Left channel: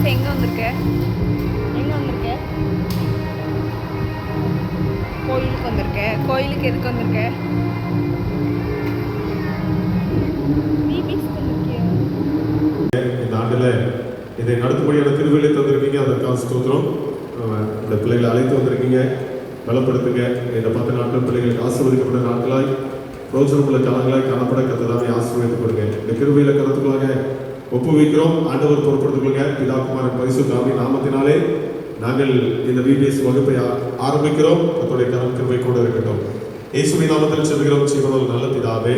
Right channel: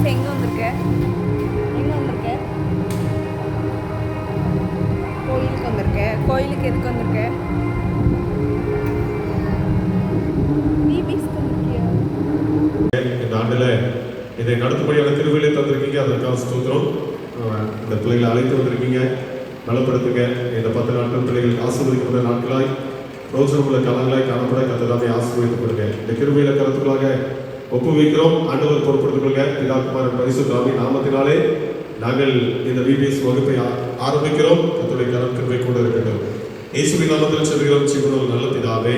Pass எங்கே வந்திருக்க? கோயிலுக்கு வந்திருக்க. கோயிலுக்கு எதுக்கு வந்திருக்க? பிபிஸ்க்கு வந்திருக்கியா? இந்த ஆண்டில் இதை நடத்தும்படியான திருவிழை தந்திருக்கீங்க, அதற்காக ஸ்தோத்திரம். இந்த பிள்ளைகளை அழைத்து வந்திருக்கீங்க, பலப்படுத்துங்க. இந்த 10 நாட்கள் பிள்ளைகளுக்கு ஆசீர்வதிக்கப்பட்ட நாட்களாய் ரோசனமுள்ள காலங்களாய் காணப்பட கத்ததாமே ஆசீர்வதித்துக் கொடுங்க. இந்த கிருபையில கருத்துக்களாக ஒப்பு வைக்கிறோம். ஆண்டவர் பொறுப்படுத்திக் கொள்ளுங்க. பிதா குமாரன் பரிசுத்த ஆவியின் நாமத்தினாலே நாங்கள் இந்த விபிஎஸ் வகுப்பை ஆரம்பிக்கிறோம். கர்த்தருடைய கரம் கிருபை கூட இருக்கட்டும். இயேசுவின் நாமத்தில் சொல்கிறோம், ஜீவனுள்ள நல்ல பிதாவே.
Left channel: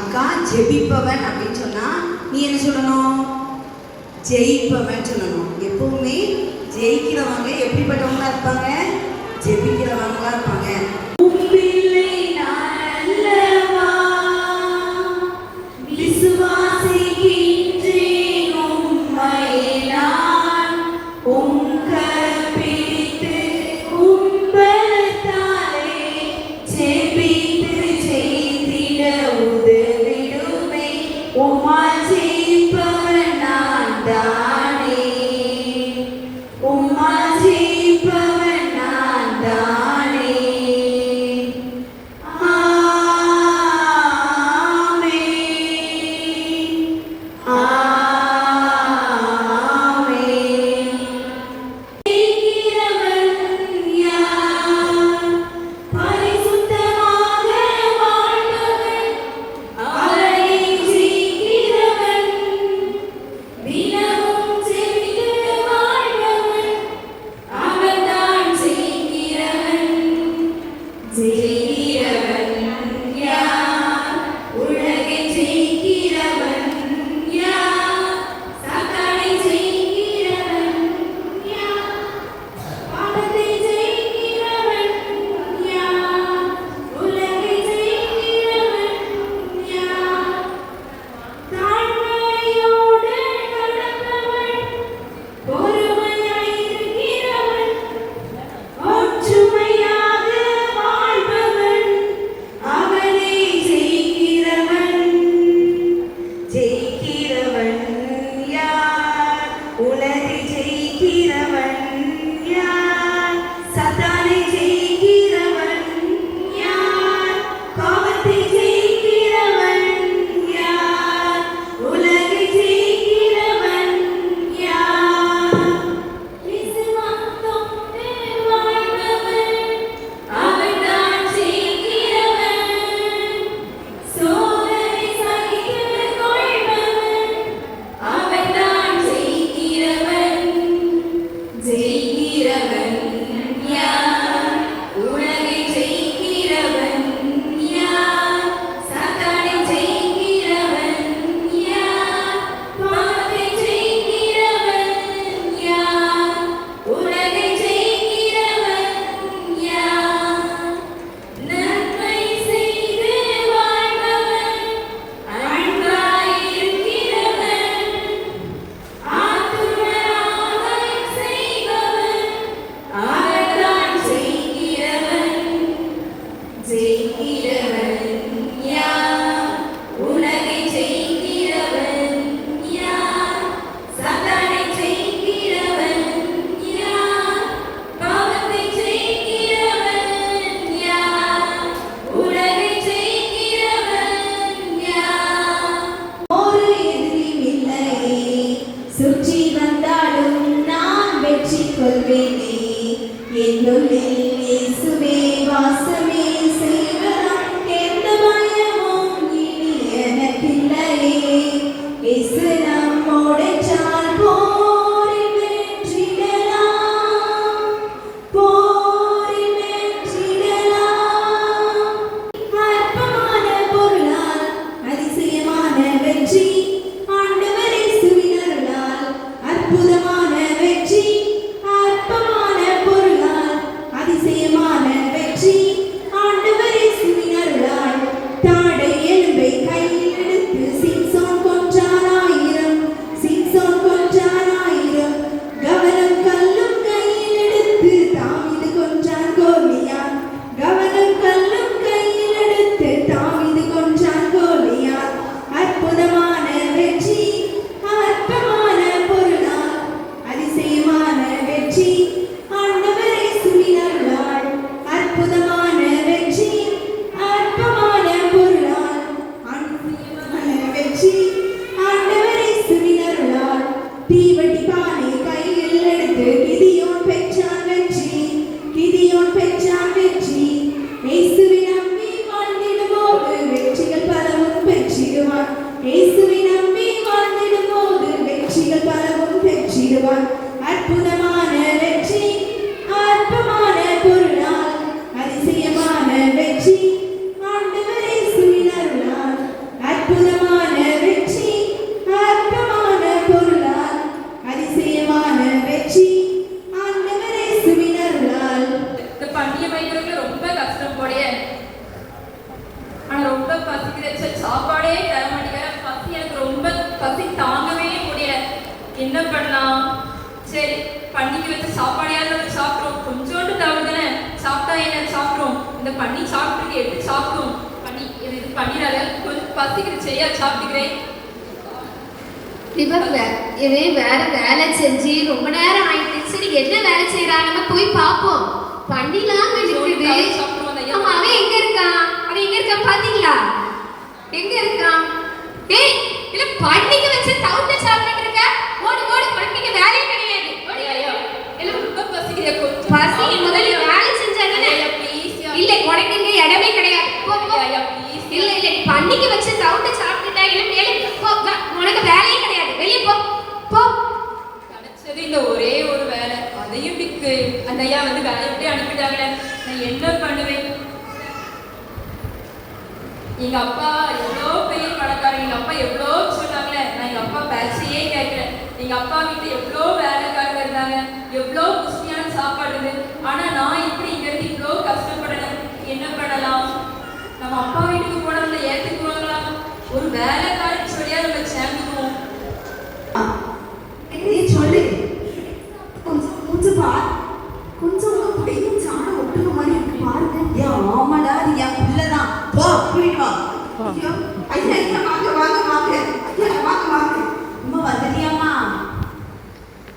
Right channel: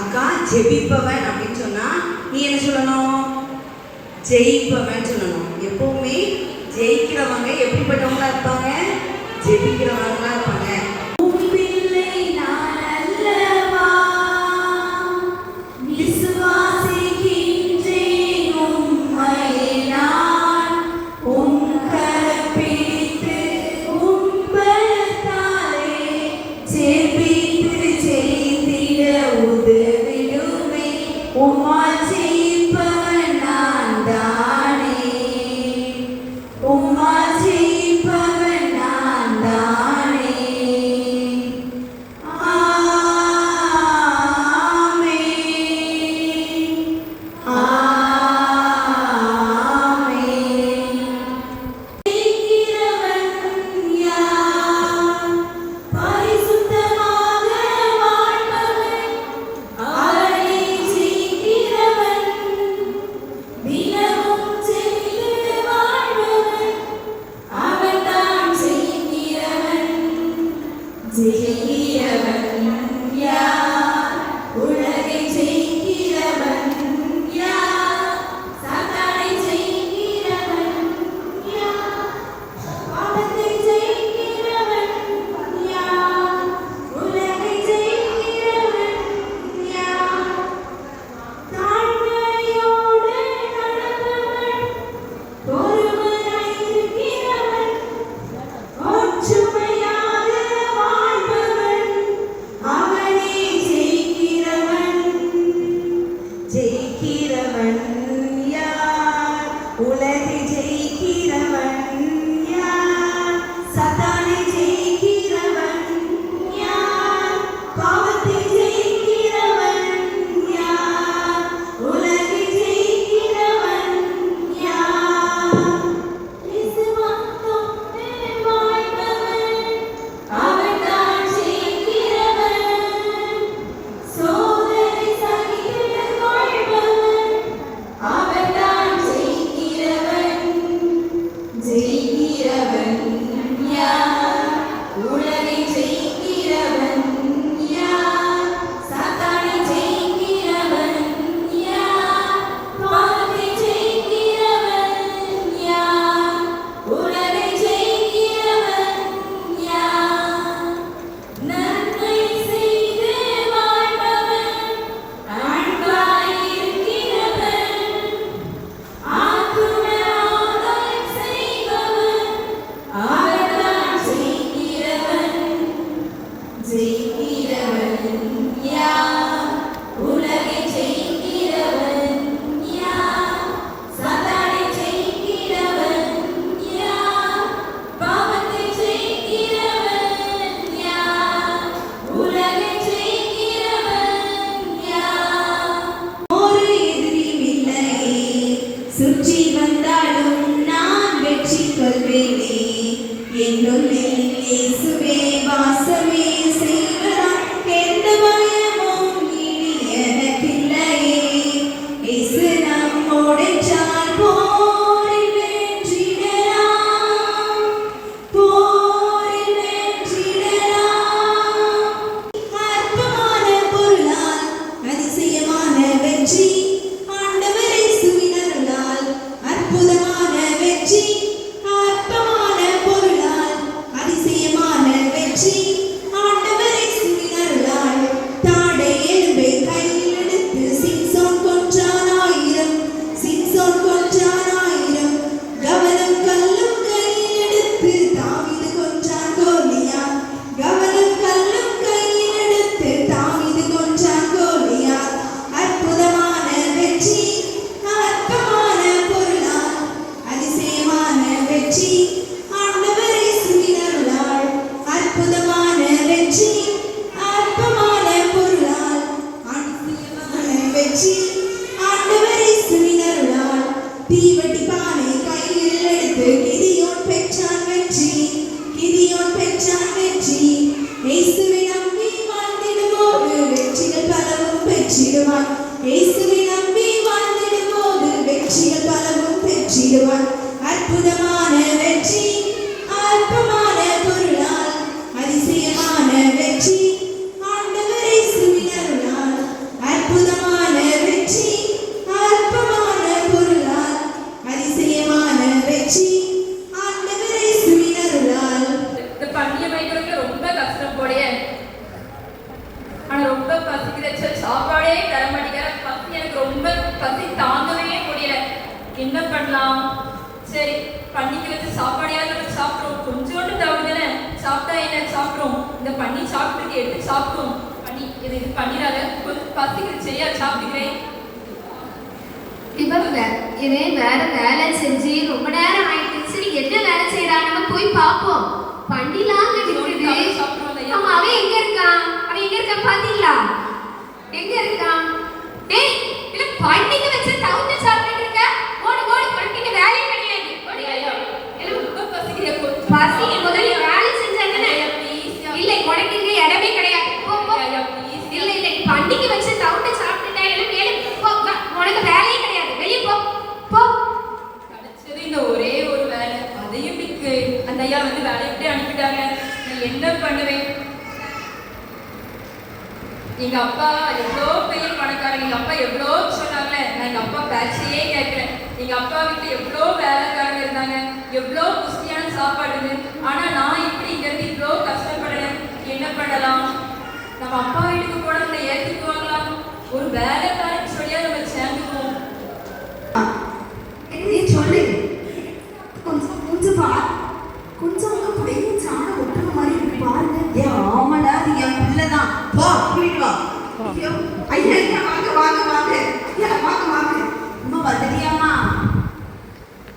அக்கா ஜெபிப்பவன் அப்படின்னு சொன்னா நீ என்ன சொல்லணும்? ஜெயிப்பவன் சொல்லணும். எப்பவுமே ஜெயிக்கிறவங்க எப்படிப்பட்டவங்களா இருப்பாங்க? ஜெபிக்கிறவங்களா இருப்பாங்க. அற்புதமான வெற்றி, அற்பமான சாப்பாடையாவது நம்ம சாப்பிட்றோம். கொஞ்சோண்டு தவிர சாப்பிட்டா என்ன சாப்பிட்றோம். இந்த பண்ணி சாப்பிட்டு எடுத்து சாப்பிட்டோம். பண்ணி இது பண்ணிடாத கொஞ்சம் பசிக்கிறது சரியா சாப்பிட்டுக்கிறேன். இது வேற வேலை செஞ்சு ரொம்ப நேரம் ஆயிடுச்சு. சரி என்ன வேலை செய்யறாங்கன்னு போய் பார்ப்போம். பண்ணிலாம் இருக்குது. ஆமா, அவன் எங்க இருக்கான்? அவன் எங்க இருக்கான் பாத்தீங்களா? எங்க இருக்கான்? டேய், இல்ல பண்ணிக்கு வச்ச டவுன்ல சாப்பிட்டுட்டு இருக்க. ஓடு ஓடு, பண்ணிக்கு வேலையே கிடையாது. ஓடி ஐயோ. இல்ல ரொம்ப பசிக்குதே கொஞ்சம். பசி முதல்ல வேலை செஞ்சாதானே. இல்ல குறைங்க இடமே கிடையாது. போ ஐயா ப்ளீஸ். இல்ல இல்ல பண்ணிக்கு வச்ச டவுன்ல சாப்பிட்டுட்டா இல்ல மேலே போ. உனக்கு வேலையே கிடையாது. வெளிய போ. போ. கிடைச்சது இந்த ஒரே ஒரு வேலை. அதையும் பிக்கு அந்த ஐயா வந்து வேலை எப்படி அனுப்பிட்டாங்க. நான் என்ன பண்ணுவேன்? எங்க அப்பா எவ்வளோ பெரிய பணக்காரங்க. எங்க அப்பா எவ்வளோ சொன்னாங்களே. நான் எங்க அப்பா பேச்சையே கேட்கிறேன். எங்க அப்பா வீட்டுல எவ்வளோ வேலைக்காரங்க இருந்தாங்க, எவ்வளோ ருசியான சாப்பாடு இருந்து. ஆனா நான் இப்படி இங்க இருந்து இவ்வளோ கஷ்டப்படுறேன். என்ன பண்ணலாம்? நம்ம அப்பா வீட்டுக்கு போனதுல ஏற்றுக்குவாங்களா? ஒரு வேலைக்காரன் சொல்லியா நம்ம சேர்ந்துக்குவோம். நீ சொல்லு. கொஞ்சம் பா. கொஞ்சம் உங்க பிள்ளைங்க சாணம் ஒட்டுற மாதிரி இருக்கு பாருங்க. ஏன் ஆமாடா, அது என் பிள்ளைதான். போ போயிட்டு வா. ஐயா ஐயா வாங்க வாங்க வாங்க. ஐயா வாங்க வாங்க. அம்மா வந்துட்டியாம்மா?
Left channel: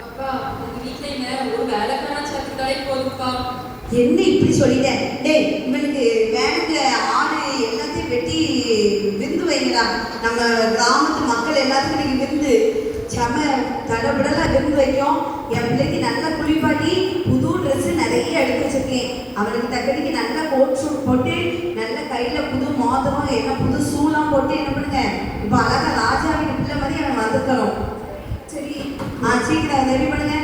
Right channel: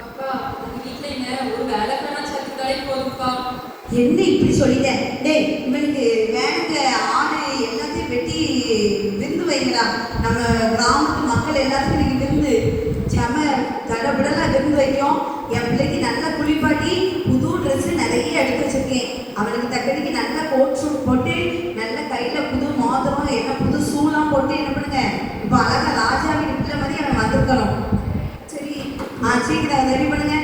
அப்பா உங்க வீட்டுல என்ன ஒரு வேலைக்காரன் சேர்த்துக்காலே போதும்ப்பா. என்ன இப்படி சொல்லிட்டேன்? டேய், இவனுக்கு வேணுங்க ஆடு எல்லாத்தையும் வெட்டி விருந்து வைங்களா. நம்ம கிராமத்து மக்கள் எல்லாத்துக்கும் நீங்க விருந்து செம தடபடலாம் விருந்து வைக்கும். என் பிள்ளைக்கு நல்ல குளிப்பாட்டி புது ட்ரெஸ் நிறைய எடுத்து வச்சிருக்கேன். அவனுக்கு தக்கடிக்கு நல்ல கோட் ஷூட் போட்டு நல்ல கையில புது மோதிரம் என்ன புது ஷூலாம் போட்டு என்ன பண்ணுங்க இப்போ அழகா ராஜா வீட்டு பிள்ளை மாதிரி அவன் வந்திருக்கணும். சரி சீக்கிரம் ரெடி பண்ணுங்க.